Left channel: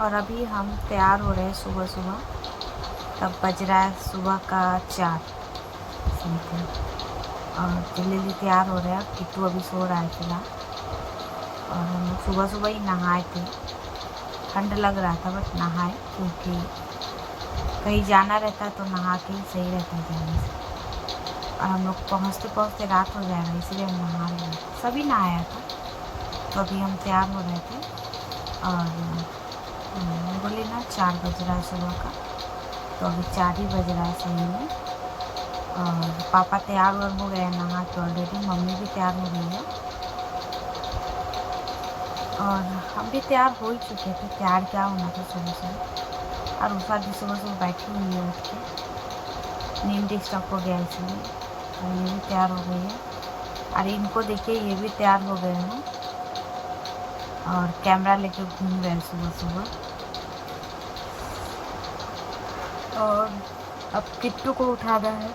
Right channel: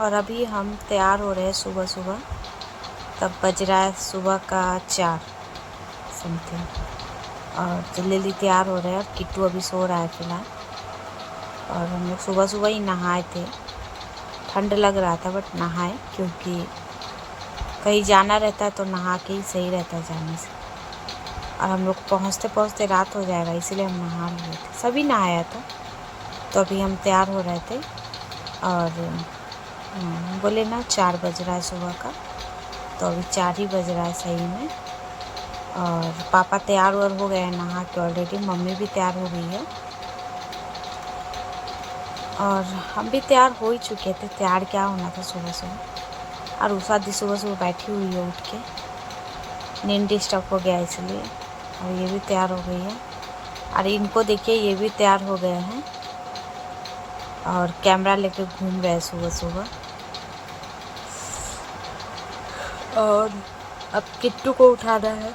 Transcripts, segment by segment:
और अभी हम तैयार हो रहे हैं सुबह सुबह। तब बज रहा है सुबह का 4 समथिंग, और जल्दी जल्दी तैयार हो रहे हैं। और किट्टू अभी सो रहा है फ़िलहाल। और हम लोग सुबह सुबह ही नहाए थे। ठंड लग रहा था बट नहाए, क्योंकि कहीं जाना रहता है तो नहा के ही सही रहता है जाने से। और हम लोग पहुँचते पहुँचते रात हो जाएगा, इसीलिए हम नहा लिए थे। सभी नहाया था। तो अभी हम तैयार हो रहे थे और बोले ना 4 बज रहा है सुबह का, तो अभी 4 ही बज रहा है सही में। और पापा तैयार वार हो गए हैं नहा के ऑलरेडी। मम्मी भी तैयार हो गई है और हम भी तैयार हो ही चुके थे। तैयार क्या होना था सुबह सुबह। और उषा दी सुबह सुबह बैठी हुई है उठ के, नींद डिस्टर्ब हो गया इसलिए। और ये भी तैयार हो गई है। और इनको देखिए, ये भी तैयार हो गए हैं और कैमरा लेके घूम रहे हैं सुबह सुबह। और अब किट्टू को उठाना है।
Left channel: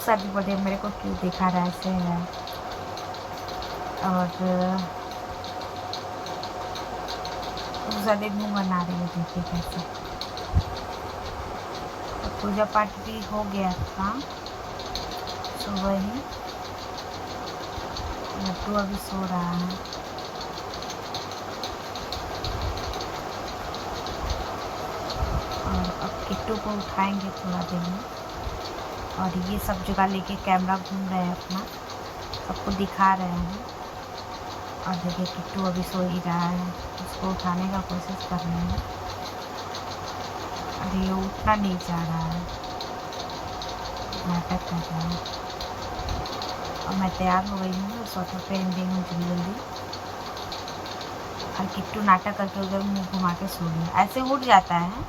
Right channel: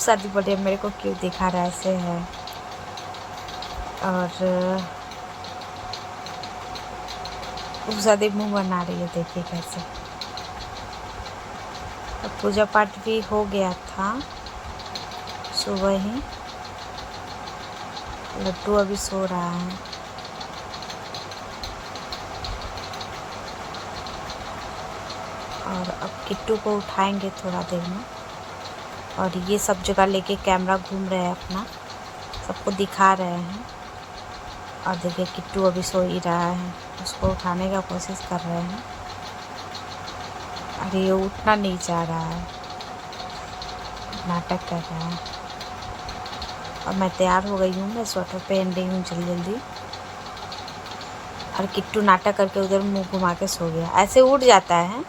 शादी बोले मेरे को क्यों दिखा रहा है, ऐसे है। और शादी मुँह बना रही है, देखिए कैसे। अब पूजा पाठ भी हो गया था सुबह ही। लड्डू अभी सो रहा है। और अब किट्टू को उठाएंगे थोड़ा देर में। और ये सब जगह लेके कैमरा घूम रहे हैं अपना, सबको दिखा रहे हैं। और देखिए किट्टू अभी सो ही रहा है, उसको उठाने का कोशिश कर रहे हैं। और ये उठना नहीं चाह रहा है, नाटक कर रहा है। और मैं तैयार हो गई हूँ, मैं स्वेटर पहन रही हूँ जल्दी जल्दी। और किट्टू नाटक करके उधर मुंह घुमा के सो गया। ऐसे उठ जाता है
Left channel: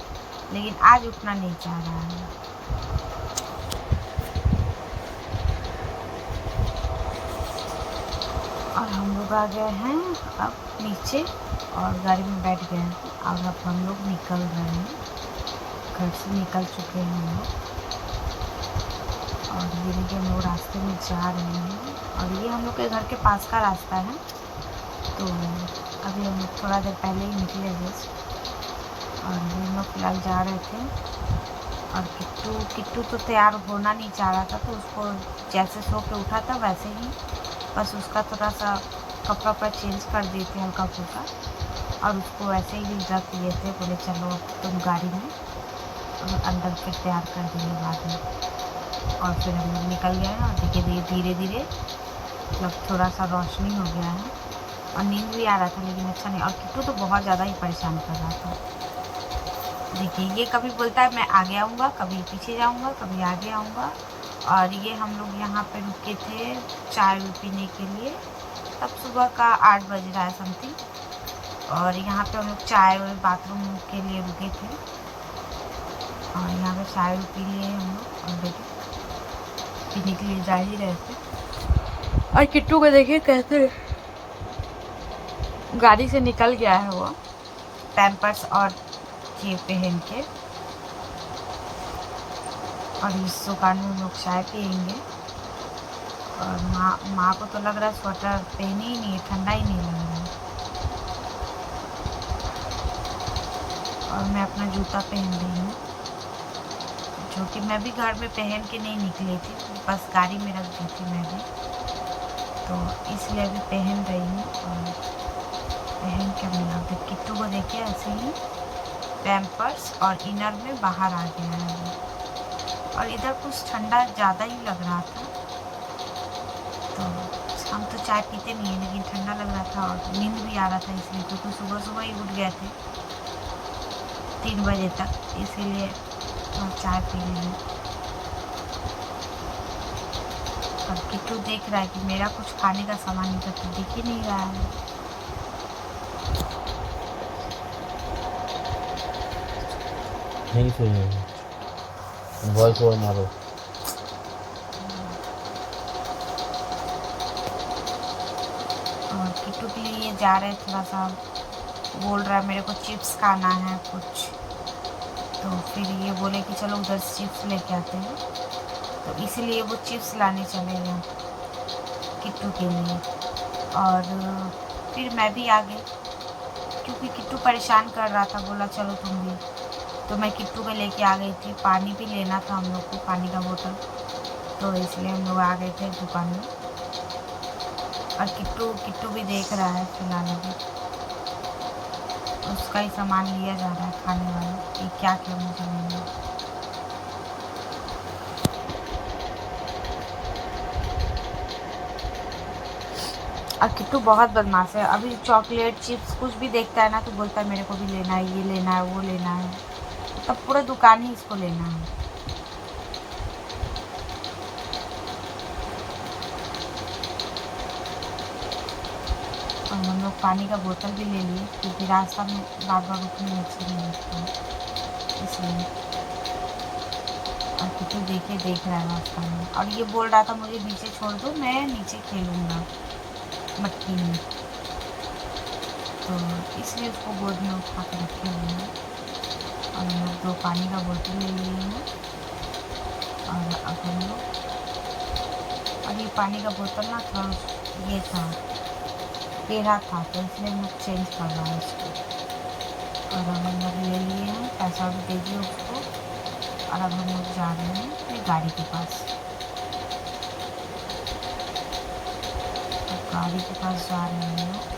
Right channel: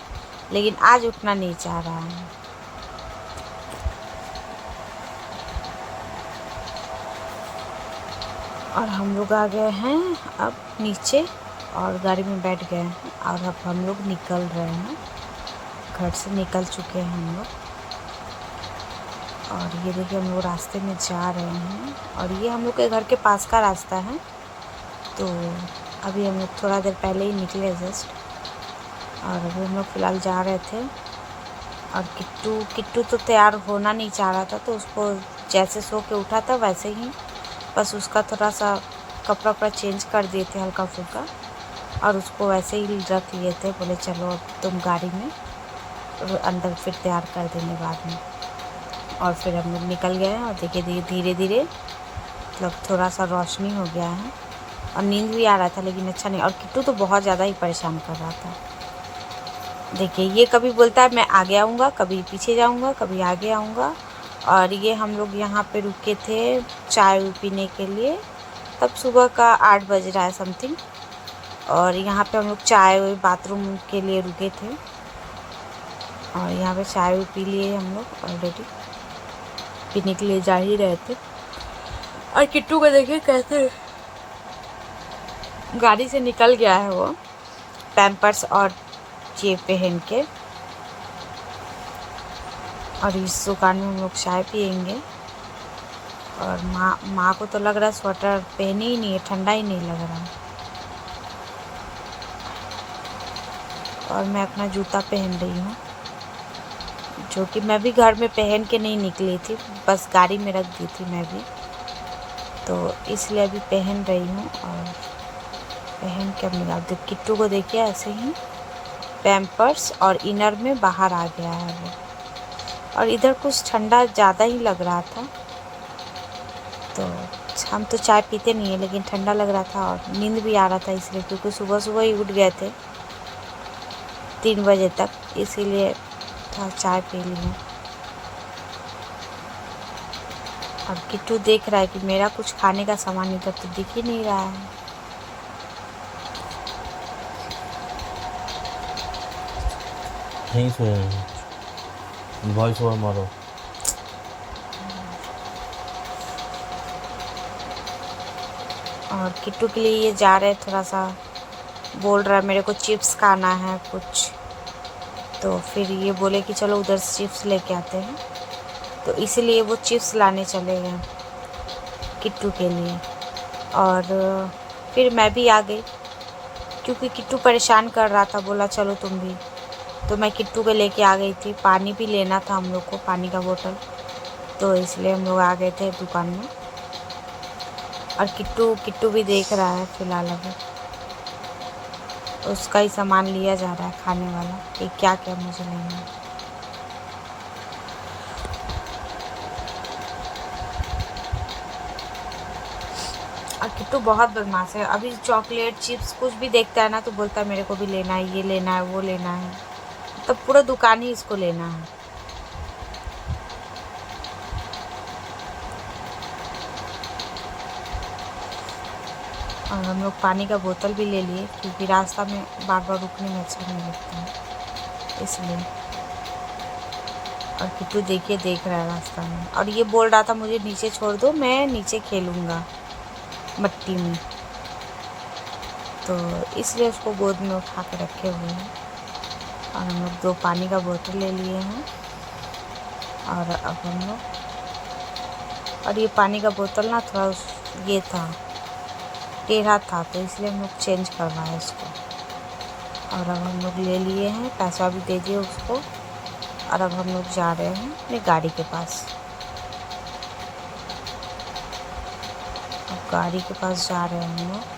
लेकिन आज उठना नहीं चाह रहा है। और हम लोग आ गए हैं अब नीचे और गाड़ी में बैठ गए हैं। और अब हम लोग निकल रहे हैं, घर से निकल चुके हैं हम लोग। और ये देखिए हम लोग रास्ते में जा रहे हैं। और ये हम लोग के घर के पास का रास्ता है। तो अभी हम लोग थोड़ा देर पहले ही निकले जस्ट। और अभी हम लोग फ़िलहाल जा रहे थे। और किट्टू तो तैयार होना नहीं चाह रहा था, तो उसको जैसे सो के उठा था वैसे ही बस उसका थोड़ा सा कपड़ा वपड़ा चेंज कर दिए थे हल्का फुल्का। और उसको वैसे ही रख लिए थे। बोले चलो अब तुम गाड़ी में, अंदर फिर तैयार कर देंगे बाद में। और फिर हम लोग निकल गए। और देखिए धीरे धीरे मतलब थोड़ा सा रोशनी हो गया है। और नींद भी आ रहा था लेकिन अच्छा नहीं। और किट्टू तो बहुत ज़्यादा ही परेशान कर रहा था। देखिए ये कभी बोलता है मैं आगे आऊँगा, कभी पीछे जाऊँगा, कभी आगे आऊँगा। और ये हम लोग यहाँ पे रुके थे चाय पीने के लिए। तब सुबह का 8 बज रहा है समथिंग। और यहाँ पे हम लोग चाय बाथरूम के लिए रुके थे। और यहाँ पे चाय पी लिए हम लोग ऑलरेडी, पीने के लिए जा ही रहे थे। और किट्टू को देखिए कैसे गाड़ी से निकल गया है वो, पैम्पर्स और जेब पहन के। और इस दुकान में हम लोग चाय पियेंगे। और माँ को तो लग रहा है स्वेटर पहनी ही नहीं है, ठंडा ही नहीं लग रहा है। और मैं अपना जूता पहन रही हूँ, जो कि मैं भी घर में पहन के नहीं निकली थी, बस गाड़ी में रख दी थी मैं भी, तो इसलिए अभी पहन रही हूँ। और पहन के अपनी आप किट्टू को देखिए ऐसे ही पैम्पर्स और इनर में बाहर आ गया है वो। और इधर कुछ ठंडा ज़्यादा ही लग रहा था, तो हम तो चाय पीते नहीं हैं लेकिन ठंडा लग रहा था। और नींद भी आ रहा था इसलिए, क्योंकि सुबह सुबह ही उठ गए थे 3 बजे तक, इसीलिए थोड़ा चाय पी ली हूँ। और किट्टू देख रहा है कि मेरा कुछ खाने का सामान इधर तो दिख ही नहीं रहा है। यहीं से वॉइस ओवर मारो। और किट्टू के लिए ये जा रहे हैं, थोड़ा सा बोल रहा है मेरे को चिप्स खाना है कुछ। तो फिर ये बोले कि चलो उधर चिप्स लेके आते हैं, तो इसीलिए वो चिप्स लाने चले गए किट्टू के लिए। और फिर मैं भी आ गई। क्योंकि किट्टू परेशान कर रहा था, बोला चलो तुम भी। तो मैं किट्टू को लेके आ गई थी। पानी भी लेना था हम लोग को, पानी का बोतल, तो इसलिए हम लोग आ गए थे दुकान में। और किट्टू किट्टू भी देख रहा है फ़िलहाल अभी, उसका ही सामान लिया जा रहा है खाने वाला कि क्या क्या मुझे लेना है। और किट्टू बहुत बदमाश है। अभी चॉकलेट चिप्स कुछ भी देखता है ना तो बोलता है मेरे को भी लेना है, ये लेना है, वो लेना है। तब पूरा दुकान ही इसको लेना है। और हम लोग पानी का बोतल भी ले लिए क्योंकि रास्ता में बार बार रुकने में अच्छा नहीं लगता है, इसलिए। और किट्टू देखिए देख रहा है रास्ता में, और ये बोल रहा था मुझे नीचे छोड़ दो, मैं नीचे खेलूँगा मट्टी में, तो इसलिए उसको गोद में उठा के रखे हुए हैं। और हम लोग 2 पानी का बोतल ले लिए हैं। और अब हम लोग, और ये पानी का बोतल ना थोड़ा ये था, टेढ़ा था, तो इसलिए हम लोग चेंज करवाए इसको। और अब हम लोग ले लिए हैं, पैसा भी दे दिए उसको। और अब हम लोग जा रहे हैं अपनी गाड़ी के पास। अब गाड़ी के पास जा रहे हैं हम लोग।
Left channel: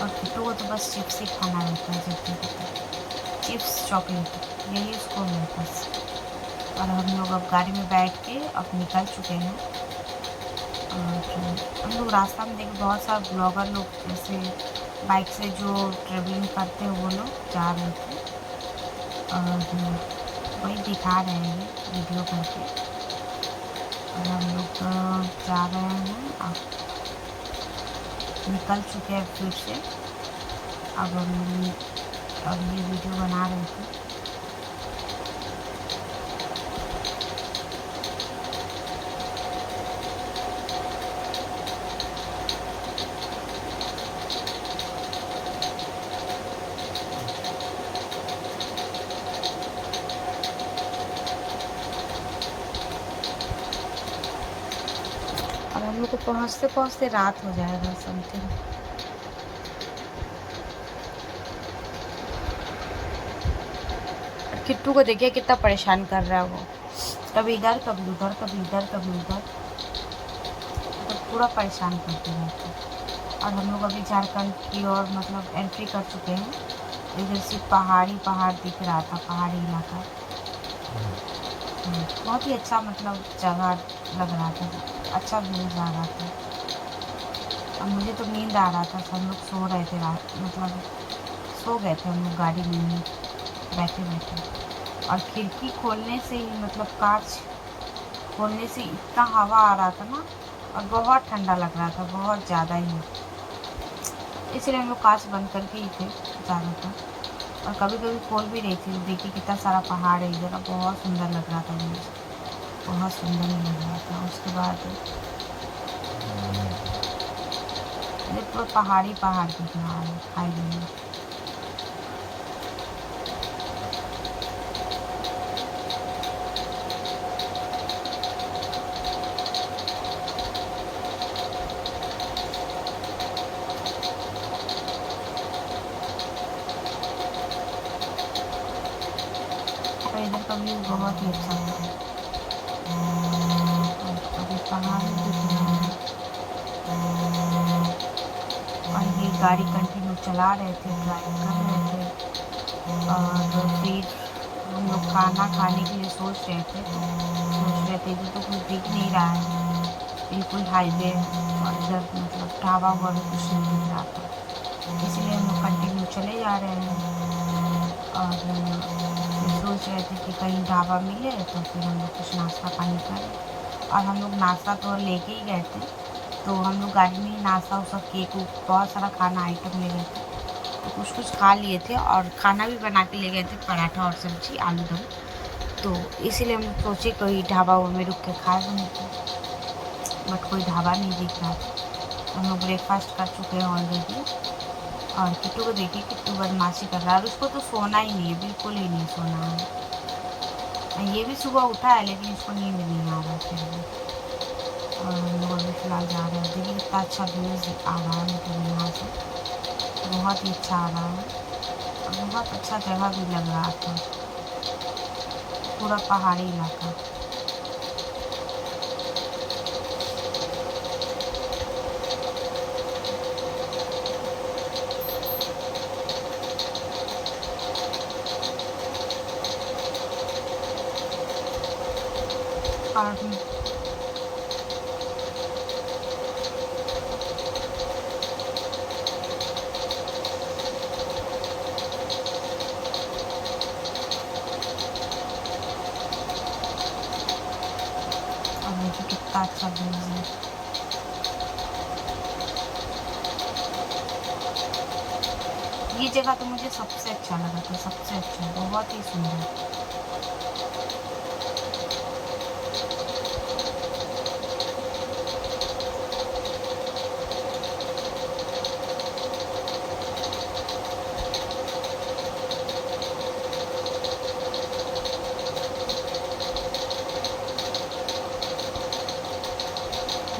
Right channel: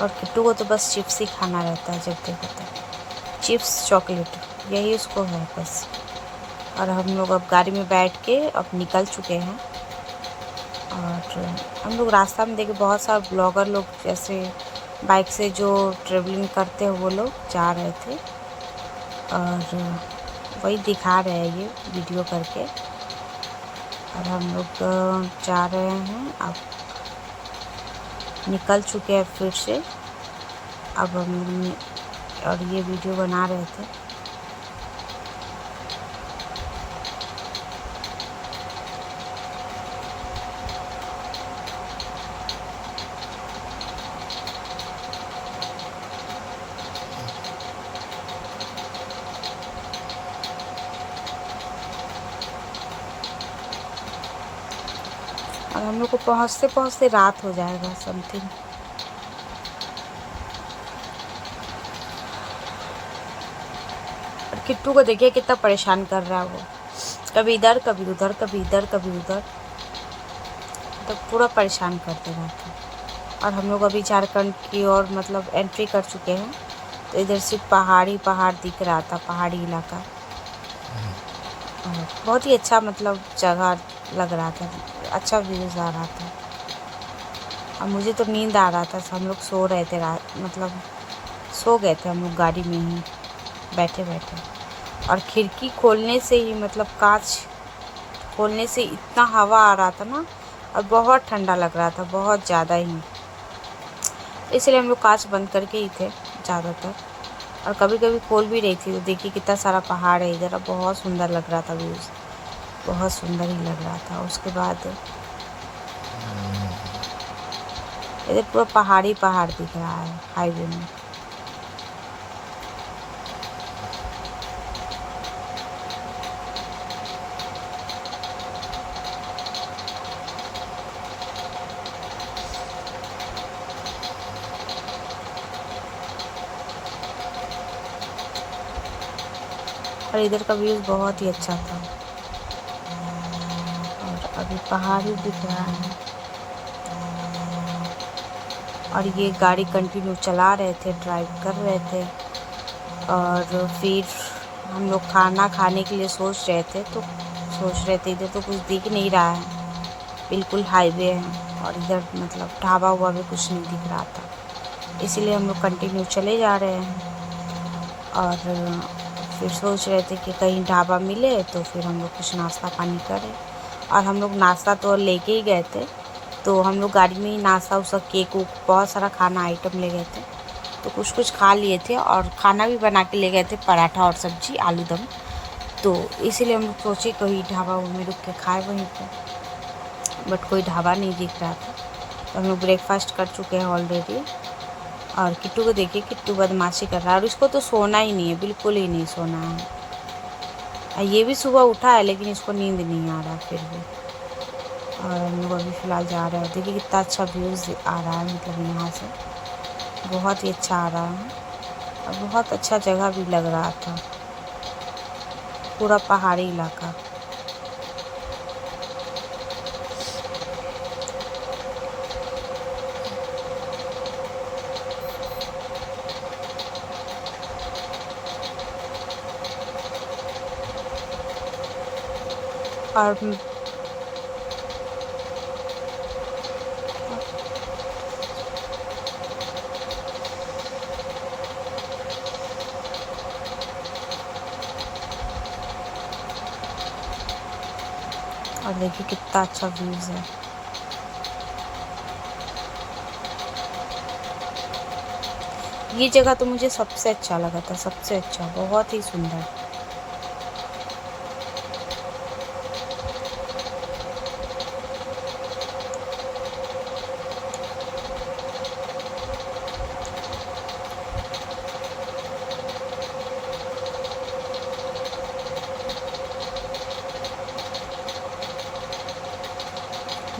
और किट्टू को तो बस चिप्स ही खाना रहता है, जब देखो तब चिप्स चॉकलेट, यही उसको है बस। और हम लोग अब गाड़ी में बैठ के अब निकल चुके हैं। और हम लोग रास्ता में देखे बहुत सारे ब्लॉगर लोग, जैसे बाइक से जो ट्रेवलिंग करते हैं वो लोग जा रहे थे, और वही दिखा रहे हैं ये वीडियो करके। और हम लोग जा रहे हैं, अब निकल चुके हैं फिर से। अब हम लोग और ये वीडियो बना रहे थे। और हम लोग को पहुँचते पहुँचते रात हो जाएगा समथिंग। और किट्टू को देखिए कितना परेशान कर रहा है वो, कभी इधर कभी उधर, कभी इधर कभी उधर, तो पूरा परेशान करते रहता है। और हम लोग अभी झारखंड की ओर मतलब एंट्री कर चुके हैं, तो इधर सिर्फ पहाड़ ही पहाड़ दिख रहा था, पहाड़ी इलाका। और बहुत ही अच्छा मतलब जगह लग रहा था, अच्छा व्यूज़ आ रहा था। और मुझे तो नींद आ रहा था, हम लोग सो रहे थे, मतलब सो गए थे हम लोग गाड़ी में ही बैठे बैठे। और खिड़की खोलने से ही मतलब कांच खोलने से इतना हवा आ रहा था ना, और बहुत ठंडा लग रहा था, बहुत ज़्यादा ही। इसलिए हम लोग कांच बंद करके ही थे ज़्यादातर। और कभी कभी खोल भी रही थी, तो देखिए कितना सारा पहाड़ है इधर, बहुत सुंदर लग रहा था व्यूज़, बहुत सुंदर ही लग रहा था। उसके बाद इधर पूरा पहाड़ी पहाड़ दिख रहा है हाईवे में। और इधर का व्यूज़ बहुत ही अच्छा था। और अभी पहाड़ ही दिख रहा है। और ये गाड़ी कंटिन्यू चला रहे थे, ड्राइव कर रहे थे। और फिर हम लोग खाना खाने के लिए सोच रहे थे, तो सोच रहे थे इधर तो कुछ दिख नहीं रहा है, बिल्कुल हाईवे है, और इधर मतलब ढाबा हुआ भी कुछ नहीं दिख रहा था, इसीलिए हम लोग कंटिन्यू चले जा रहे हैं। और फिर सोच रहे थे कि कहीं ढाबा मिले तो फिर हम लोग कुछ नाश्ता पानी करें। और हम लोग नाश्ता तो लेके ही गए थे, तो हम लोग गाड़ी में ही नाश्ता उसा केक उक बहुत सारा खाना आइटम ले गए थे, तो कुछ कुछ खा लिए थे। और खाना भी बना के ले गए थे, पराठा और सब्जी आलू दम। तो इसीलिए हम लोग सोचे कोई ढाबा में रुक के खाए वहीं पर, बट कोई ढाबा नहीं दिख रहा था। तो हम लोग ब्रेकफास्ट कर चुके हैं ऑलरेडी। और किट्टू को देखिए, किट्टू बदमाशी कर रहा है, और उसको तो सोना ही नहीं है, बिल्कुल ही नहीं सोना है। ये भी सुबह उठा है लेकिन इसको नींद नहीं आ रहा है फिर भी। और हम लोग अभी फ़िलहाल जा रहे हैं। देखिए कितना अच्छा व्यूज़ आ रहा है, मतलब यहाँ से बहुत ही अच्छा आ रहा है और बहुत अच्छा जगह भी लग रहा था, पूरा पहाड़ी इलाका। और देखिए कितना अच्छा व्यूज़ है। ये जगह तो मुझे सबसे अच्छा लगा था, सबसे अच्छा, बहुत ही सुंदर।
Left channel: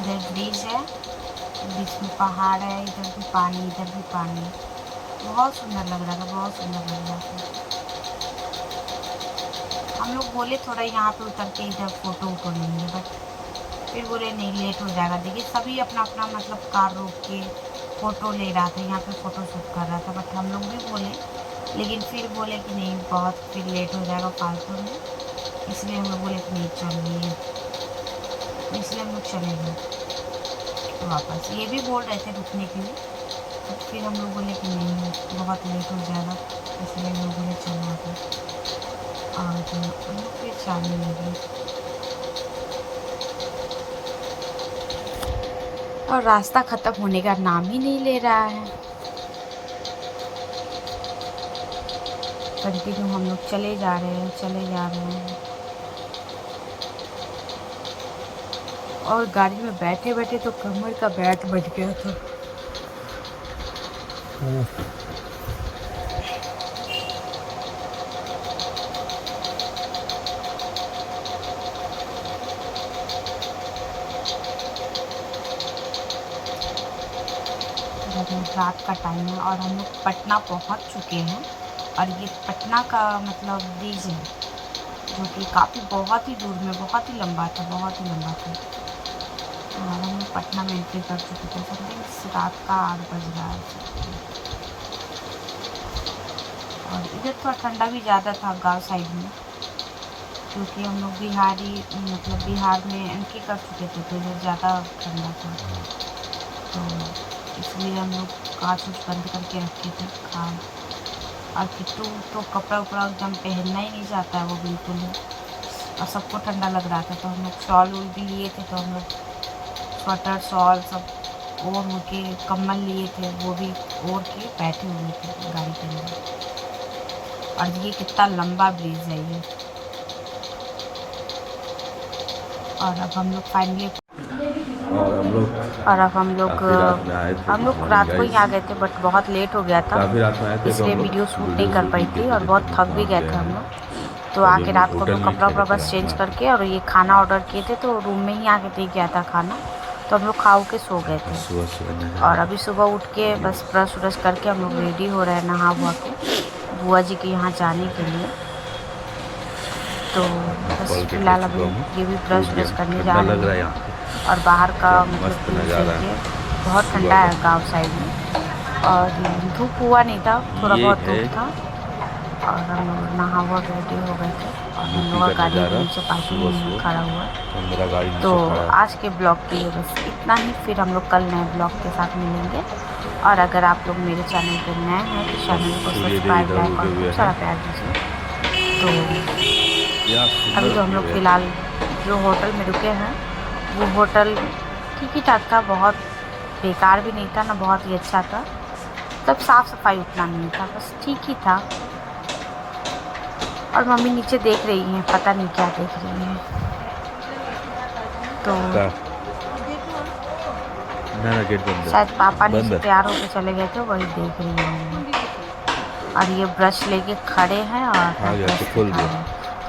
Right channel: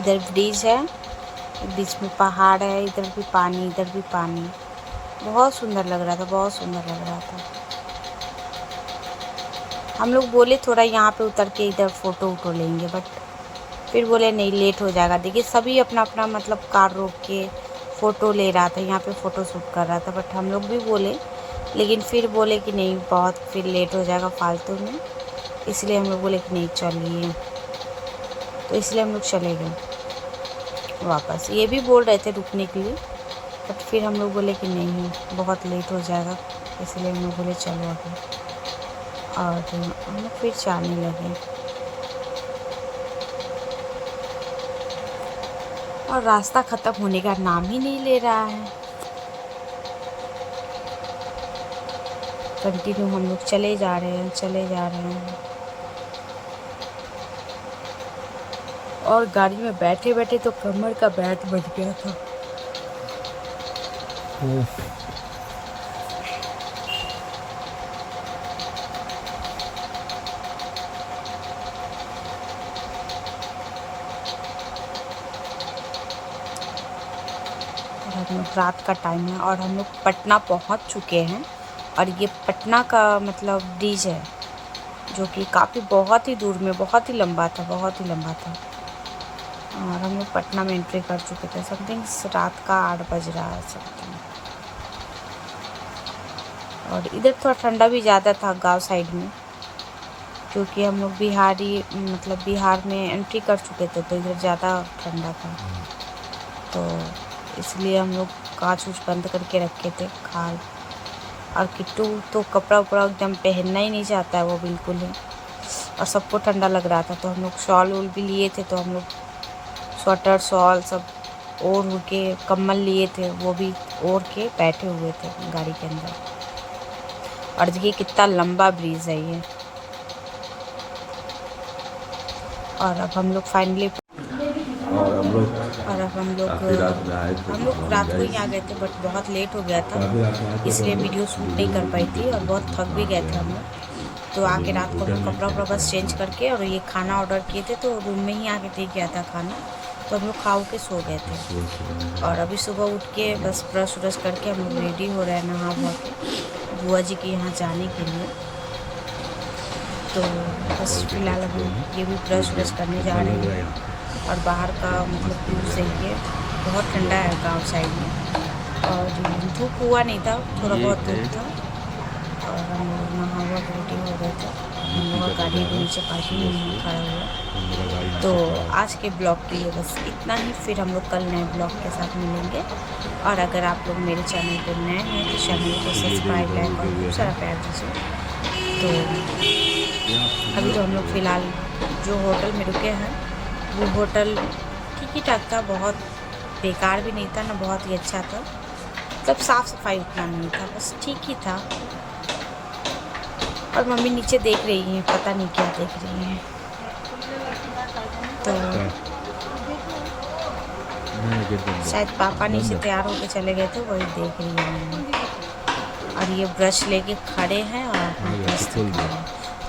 इधर ब्रिज है, बीच में पहाड़ है, इधर भी पानी, इधर भी पानी। बहुत सुंदर लग रहा था, बहुत सुंदर लग रहा था। हम लोग बोले थोड़ा यहाँ पे उतर के इधर फ़ोटो वोटो लेंगे, बट फिर बोले नहीं, लेट हो जाएगा। देखिए सभी अपना अपना मतलब कार रोक के फ़ोटो ले रहा था, यहाँ पे फ़ोटो शूट कर रहा था, बट हम लोग भी बोले, लेकिन फिर बोले कि नहीं, बहुत फिर लेट हो जाएगा फालतू में, इसलिए हम लोग बोले कि नहीं चलिए, तो इसलिए हम लोग चले गए वापस। ये भी बोल रहे थे रुकने के लिए, बट फिर हम लोग बोले कि नहीं, बहुत लेट हो जाएगा, इसलिए हम लोग बोले चलो अभी, और हम लोग फिर जाने लगे। और रास्ता ख़त्म होने का नाम ही नहीं ले रहा है। कंटिन्यू हम लोग चले जा रहे हैं, चले जा रहे हैं। और गाड़ी में बैठे बैठे तो कमर का बैठ बज गया था। हम लोग रात का टाइम है और हम लोग पटना पहुंच चुके हैं। और ये पटना का मतलब ब्रिज है, जो कि काफ़ी बहुत ही दूर में, बहुत ही लंबा था, बहुत ही लंबा था। और हम लोग पटना में एंट्री कर चुके थे। समथिंग रात का 8 बज रहा है समथिंग। और इधर थोड़ा ठंडा भी ज़्यादा था गांव साइड में, क्योंकि हम लोग बिहारी मतलब बिहार में एंट्री कर चुके थे, तो इधर ज़्यादा ठंडा था, तो इसलिए हम लोग कांच उच बंद करके रखे थे खाल। और किट्टू तो कपड़ा उपड़ा एकदम पहनना ही नहीं चाहता है वो बिल्कुल ही, और सबको ठंडा लग रहा था, तो हम लोग शॉल वूल भी लिए थे, तो हम लोग स्वेटर शॉल सब ओढ़ के, कम्बल लिए थे वो भी ओढ़ के बैठे हुए थे गाड़ी के अंदर। और देखिए कितना लंबा ब्रिज है ये। और अब हम लोग फाइनली और अब हम लोग रात को ही आ गए थे, बट बहुत लेट हो गया था, इसलिए वीडियो शूट नहीं कर पाई थी, और बहुत थक भी गए थे हम लोग। तो आके रात को हम लोग कपड़ा वपड़ा बस चेंज करके, और ये खाना ऑर्डर किए थे, तो रूम में ही आके दे गया था खाना, तो हम लोग खा के सो गए थे। और अभी सुबह उठ के बस ब्रश व्रश करके हम लोग रेडी हो रहे हैं नहा हुआ के, बुआ जी के यहाँ जाने के लिए। तो बस फिलहाल अभी ये भी ब्रश व्रश करने जा रहे हैं। और बाहर का मतलब व्यू सही है, बहुत ठंडा है गांव साइड में, और धूप हुआ नहीं था, थोड़ा बहुत धूप था। और हम लोग नहा हुआ रेडी हो गए थे, और हम लोग का गाड़ी भी नीचे पार्किंग में खड़ा हुआ। तो आज के ब्लॉग के लिए बस इतना ही, फिर हम लोग कल नए ब्लॉग के साथ मिलेंगे। और अगर आप लोग मेरे चैनल पर नए हैं तो चैनल को सब्सक्राइब, लाइक और खूब सारा प्यार दीजिए। तो अभी तो हम लोग फ़िलहाल जो होटल में रुके हैं, वो होटल ठीक ही ठाक था, बहुत बेकार भी नहीं था ना, बहुत ही अच्छा था। मतलब साफ़ सफाई उतना नहीं था, बस ठीक ही था। और मम्मी नीचे देख रही हैं, पता नहीं क्या देख रही हैं। तो शायद पापा नीचे तैयार होके चले गए थे, वही देख रही हैं। और ये ब्रश लेके खड़े हैं और ब्रश दिखा रहे हैं।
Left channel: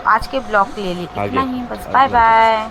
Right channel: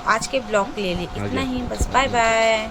आज के ब्लॉग के लिए इतना ही, बस बाय बाय।